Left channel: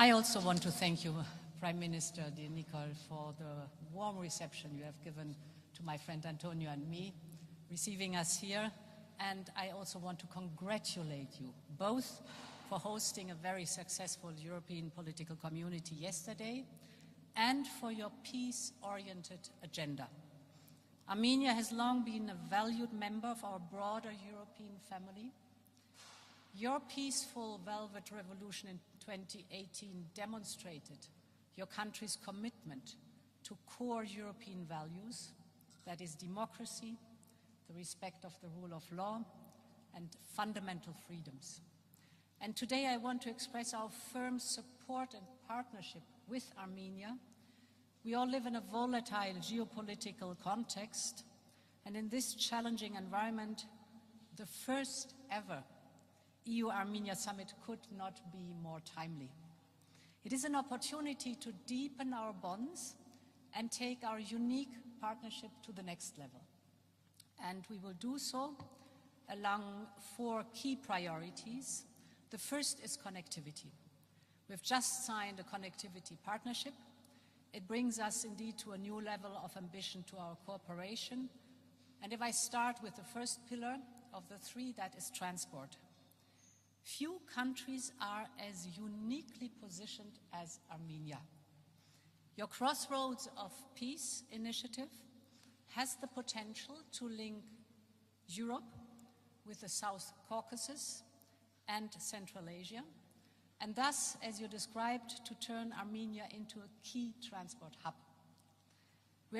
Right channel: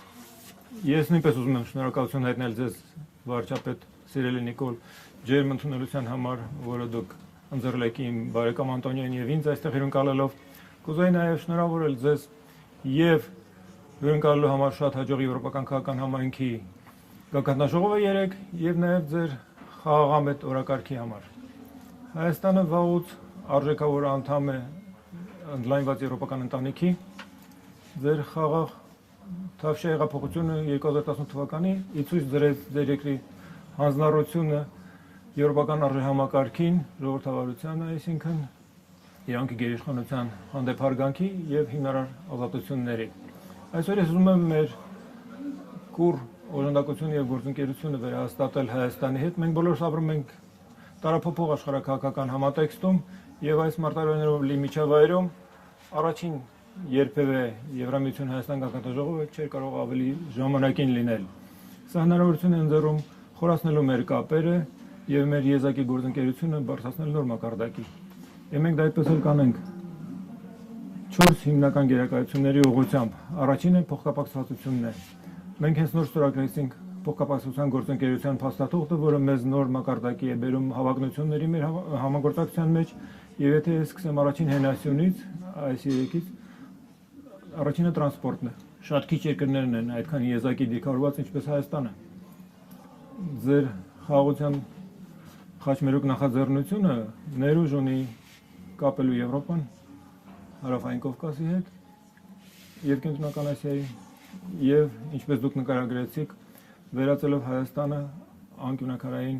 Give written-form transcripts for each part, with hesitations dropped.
Ես նույնպես ուզում եմ շնորհակալություն հայտնել ձեզ վարչապետ Սիրելի Նիկոլ ջերմ ընդունելության համար, որը դուք ընձեռել եք իմ բարեկամ Անտոնիոն եւ ինձ այստեղ հյուրընկալելով։ Կուզեի նաեւ շնորհավորել ձեզ եւ հյուրընկալելու համար շատ հաջող եվրոպական քաղաքական համայնքի գագաթնաժողովը 3 եւ նաեւ ձեր խաղաղամետ օրակարգի համար։ Հայաստանը վաղուց արժեքավոր անդամ է ընդլայնված եվրոպական ընտանիքի։ Ձեր խաղաղ Թավշյա հեղափոխությունը 2018 թվականին ի ցույց դրեց ձեր երկրի հանձնառությունը եվրոպական արժեհամակարգին, ժողովրդավարությանը, այսինքն իրանքի գերիշխանության հանդեպ հարգանքի եւ հիմնարար ազատությունների։ Այսօր ես ուզում եմ մեր կուռ օժանդակությունը եւ գործընկերությունը վերահաստատել Հայաստանի հետ։ Մենք բոլորս ապրում ենք տարափոխող աշխարհակաղակական համատեքստում եւ այս մարտահրավերներով լի միջավայրում առաջին երբևէ Եվրամիություն Հայաստան գագաթնաժողովը չէր կարող ավելի ժամանակին լինել։ Սա հնարավորություն է ընձեռում խորացնելու մեր կապերը եւ մեր եզակի գործընկերությունը բարձրացնել նոր մակարդակի։ Եվ մենք դա այդպես էլ կանենք 4 հիմնական գերակայությունների ուղղությամբ։ Առաջինը փոխկապակցվածությունն է։ Մենք հենց նոր ստորագրեցինք փոխկապակցության գործընկերության փաստաթուղթը, որը մեզ նոր մակարդակի է բերում հավակնությունների մեր համագործակցության մեջ, եւ եթե ես սկսեմ առաջին հենասյունից, այս երեքից, առաջինը տրանսպորտն է։ Շատ քիչ երկրներն են այդքան եզակի դիրքավորված, ինչպես Հայաստանը։ Ձեր խաղաղության խաչմերուկ նախաձեռնությունը ներուժ ունի կապելու Եվրոպան, Հարավային Կովկասի հետ եւ Կենտրոնական Ասիայի եւ ինչպես դուք նկարագրեցիք, վերածելով Հայաստանը անկյունաքարային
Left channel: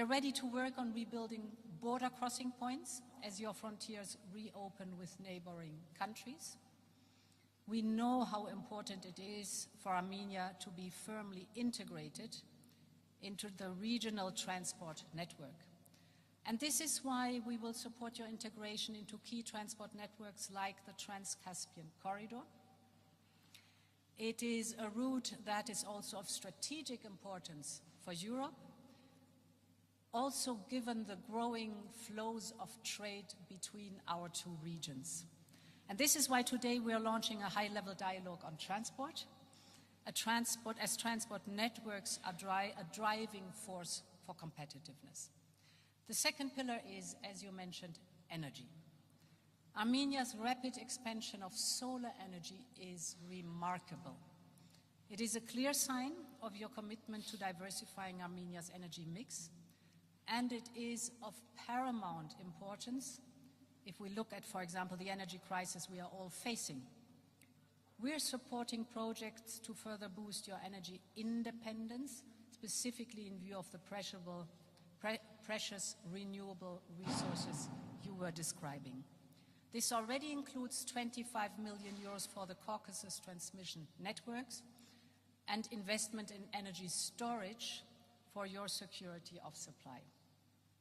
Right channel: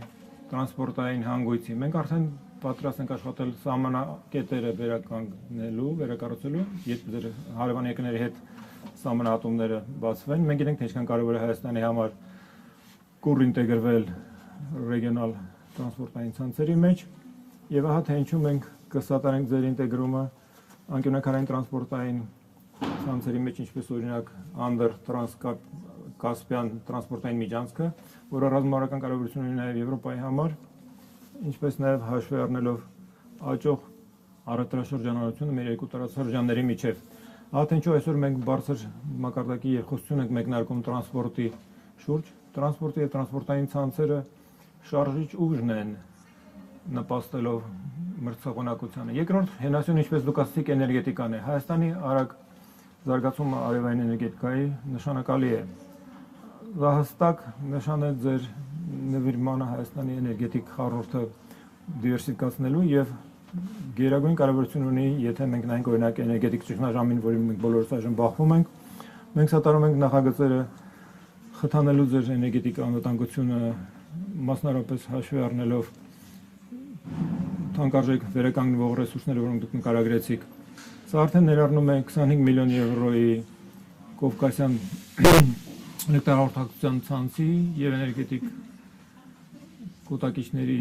տրանսպորտային հանգույցի։ Մենք արդեն պատրաստ ենք աշխատել սահմանակետերը վերականգնելու, վերակառուցելու, երբ ձեր հարևան երկրների հետ սահմանահատումները բացվեն։ Մենք գիտենք, թե ինչքան կարևոր է Հայաստանի համար կուռ ինտեգրվել ռեգիոնալ տրանսպորտային ցանցերի մեջ, եւ ահա թե ինչու մենք կսատարենք ձեր ինտեգրումը անկյունաքարային տրանսպորտային ցանցերի մեջ, ինչպես օրինակ Անդր Կասպիան տրանսպորտային միջանցքը, որը ռազմավարական կարևորություն ունի նաև Եվրոպայի համար, ինչպես նաև հաշվի առնելով աճող առևտրաշրջանառությունը մեր երկու տարածաշրջանների միջև։ Ահա թե ինչու այսօր մենք բարձր մակարդակի երկխոսություն ենք մեկնարկում տրանսպորտի շուրջ, տրանսպորտի եւ տրանսպորտային ցանցերը շարժիչ ուժն են նպաստելով մրցակցությանը։ Երկրորդ հենասյուն, ինչպես դուք ասացիք, էներգետիկան է։ Հայաստանի արագ զարգացումը արևային էներգետիկայի նշանակալի է։ Դա հստակ նշան է ձեր նվիրմանը Հայաստանի էներգետիկ խառնուրդը դիվերսիֆիկացնելու եւ գերագույն կարևորություն ունի, եթե մենք նայենք օրինակ էներգետիկ ճգնաժամին, որին մենք բոլորս այժմ բախվում ենք, մենք սատարում ենք նախագծերը խթանելու ձեր էներգետիկ անվտանգությունը, մասնավորապես հաշվի առնելով թանկարժեք վերականգնվող ռեսուրսները, որոնք դուք նկարագրեցիք։ Սա արդեն ներառնում է 25 միլիոն եվրոյի Կովկասյան էլեկտրահաղորդակցության ցանցի եւ էներգետիկ կուտակիչների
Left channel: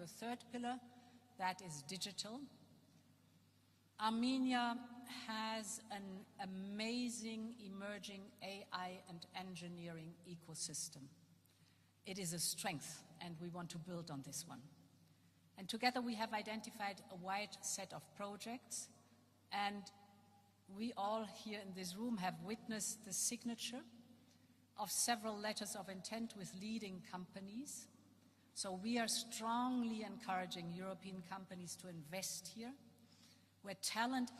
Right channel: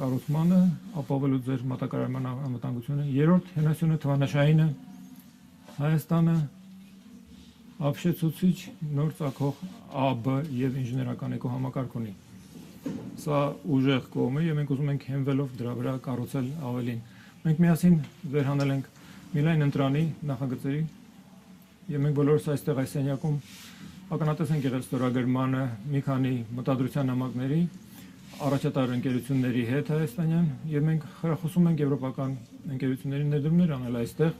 կառուցմանը, ապահովելու ձեր մատակարարման անվտանգությունը։ Երրորդ հենասյունը թվանշայինը Հայաստանը ապշեցուցիչ նոր ծագող ԱԲ եւ ինժեներական էկոհամակարգ ունի։ Սա ուժեղ կողմ է եւ մենք ուզում ենք հենվելով դրա վրա կառուցել ավելին։ Մենք միասին վերհանել ենք Միլայն ընտրանի նախագծերի եւ մենք բոլորս այստեղ այս սենյակում ականատես ենք եղել ստորագրմանը մի քանի մտադրության նամակների առաջատար ընկերությունների հետ Հայաստանյան եւ մենք խրախուսում ենք եվրոպական ընկերությունների ներդրումներ անել այստեղ,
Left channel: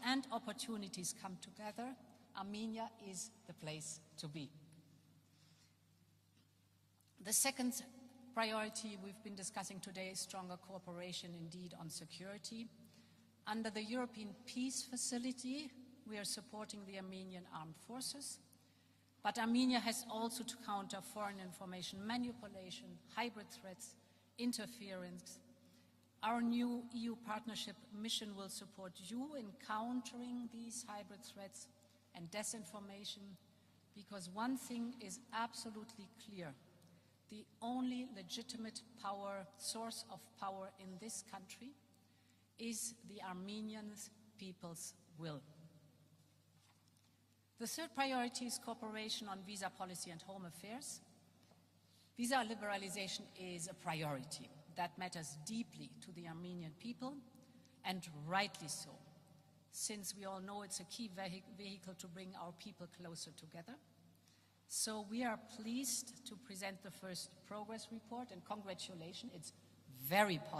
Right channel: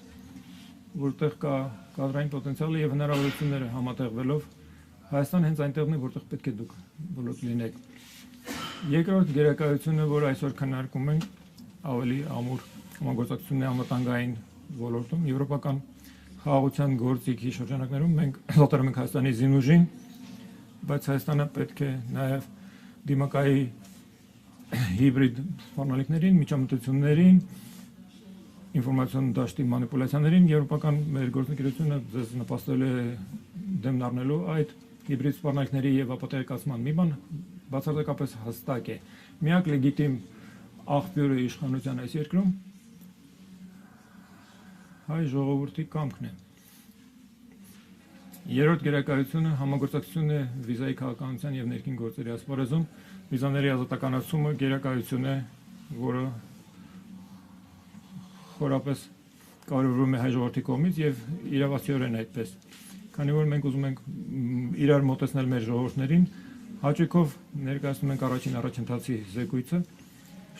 որտեղ կա կադրային պոտենցիալը եւ հնարավորությունները համատեղվելով Հայաստանը հենց այնտեղն է, որտեղ պետք է դուք բոլորս լինեք։ Երկրորդ գերակայությունը, որ այսօր քննարկում ենք, ավելի ամուր համագործակցությունների անվտանգային ոլորտում եվրոպական խաղաղության գործիքի շրջանակներում մենք սատարում ենք Հայաստանի զինուժին, բայց Հայաստանը պետք է նաեւ դիմակայի հիբրիդ սպառնալիքներին, միջամտություններին, ինֆորմացիոն դաշտի մանիպուլյացիաներին եվրոպական մեր գործընկերությունը ձեզ նպաստել է դեմն առնելու այդ հիբրիդ սպառնալիքների եւ ապատեգացման մի բան բացարձակապես հստակ է։ Միակ լեգիտիմ աղբյուրը իշխանության այս երկրում հայ ժողովրդի կամքն է։ Երրորդ գերակայությունը համագործակցությունն է վիզայի քաղաքականության եւ ներքին գործերի ասպարեզում։ Վիզաների ազատականացումը գերակայություն է, որը խորապես կարևորվում է հայ ժողովրդի կողմից եւ իրավացիորեն այդպես։ քանի որ մենք ուզում ենք իրար մոտեցնել մեր ժողովուրդներին, հաճույքով ներկայացնում ենք առաջին առաջընթացի զեկույցը,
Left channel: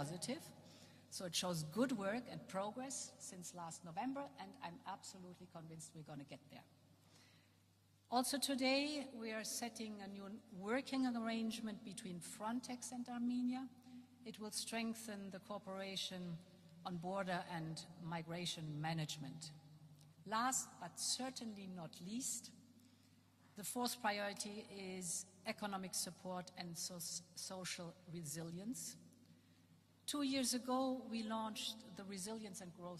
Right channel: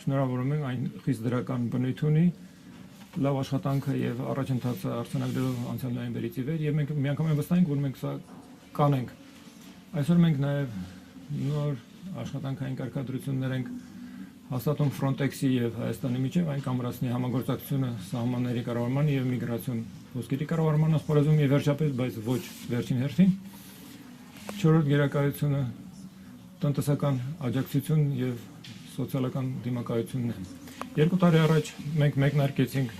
շնորհավորում ենք այն խիստ դրական բնույթ ունի, լավ աշխատանքը եւ առաջընթացը արձանագրելով անցյալ նոյեմբերից ի վեր եւ մենք միանգամայն վստահ ենք, որ մենք սա կանենք։ Այսօր մենք նաեւ նոր աշխատանքային կարգադրություններ ենք հաստատում Frontex-ի եւ Հայաստանի միջեւ, այն կամրացնի համագործակցությունը սահմանների կառավարման եւ միգրացիոն ոսկետի կառավարման ասպարեզում եւ վերջապես, բայց ոչ վերջին հերթին, չորրորդ գերակայությունը տնտեսական աջակցություն եւ սոցիալական դիմակայությունն է։ 2 տարի առաջ մենք մեկնարկեցինք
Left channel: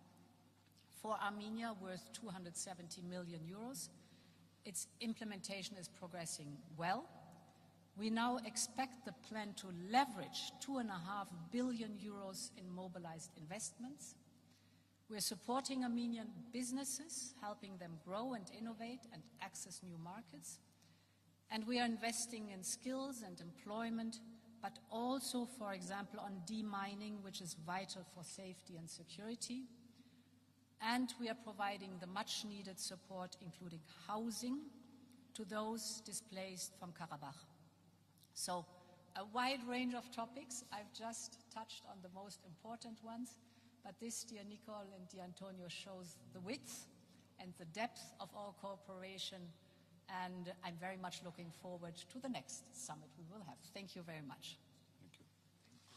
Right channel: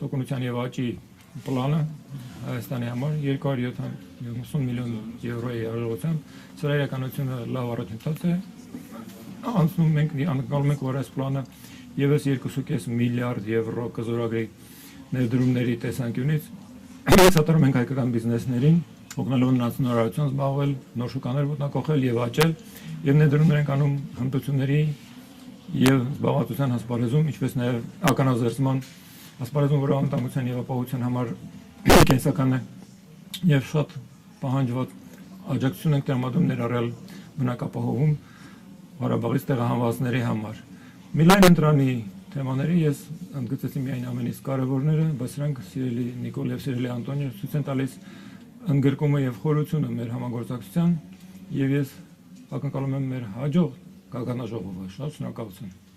տոկունության եւ աճի պլանը Հայաստանի համար 270 միլիոն եվրոյի արժողությամբ, սրա իրականությունը լավ առաջընթաց է։ Անցնում ենք անցնում ենք, որ այս պլանը եւս 2.5 միլիարդ եվրո կզորագրի ներդրումների տեսանկյունից սատարում ենք հայկական բիզնեսներին, օգնելով նրանց նորարարություն զբաղվել, նոր շուկաներ ոտնահարել եւ աճել, եւ ներդրումներ ենք անում հմտությունների եւ զբաղվածության ասպարեզում, ինչպես նաեւ ականազերծման ասպարեզում, որը անվտանգության եւ ապահովության համար կենսական է եւ շատ պահանջված աջակցություն ենք տրամադրում ներառյալ բնակապահովում Ղարաբաղից տեղահանվածների համար։ Միլայն ընտրանի թեմաների ես ընդգծեցի միայն ամենից կարևորները, բայց սրանք սիրելի Նիկոլ եւ սիրելի Անտոնիո ցույց են տալիս ընդգրկումը եւ խորությունը մեր համագործակցության եւ ես ակնկալում եմ մեր հաջող գագանաժողովը։ Շատ շնորհակալություն։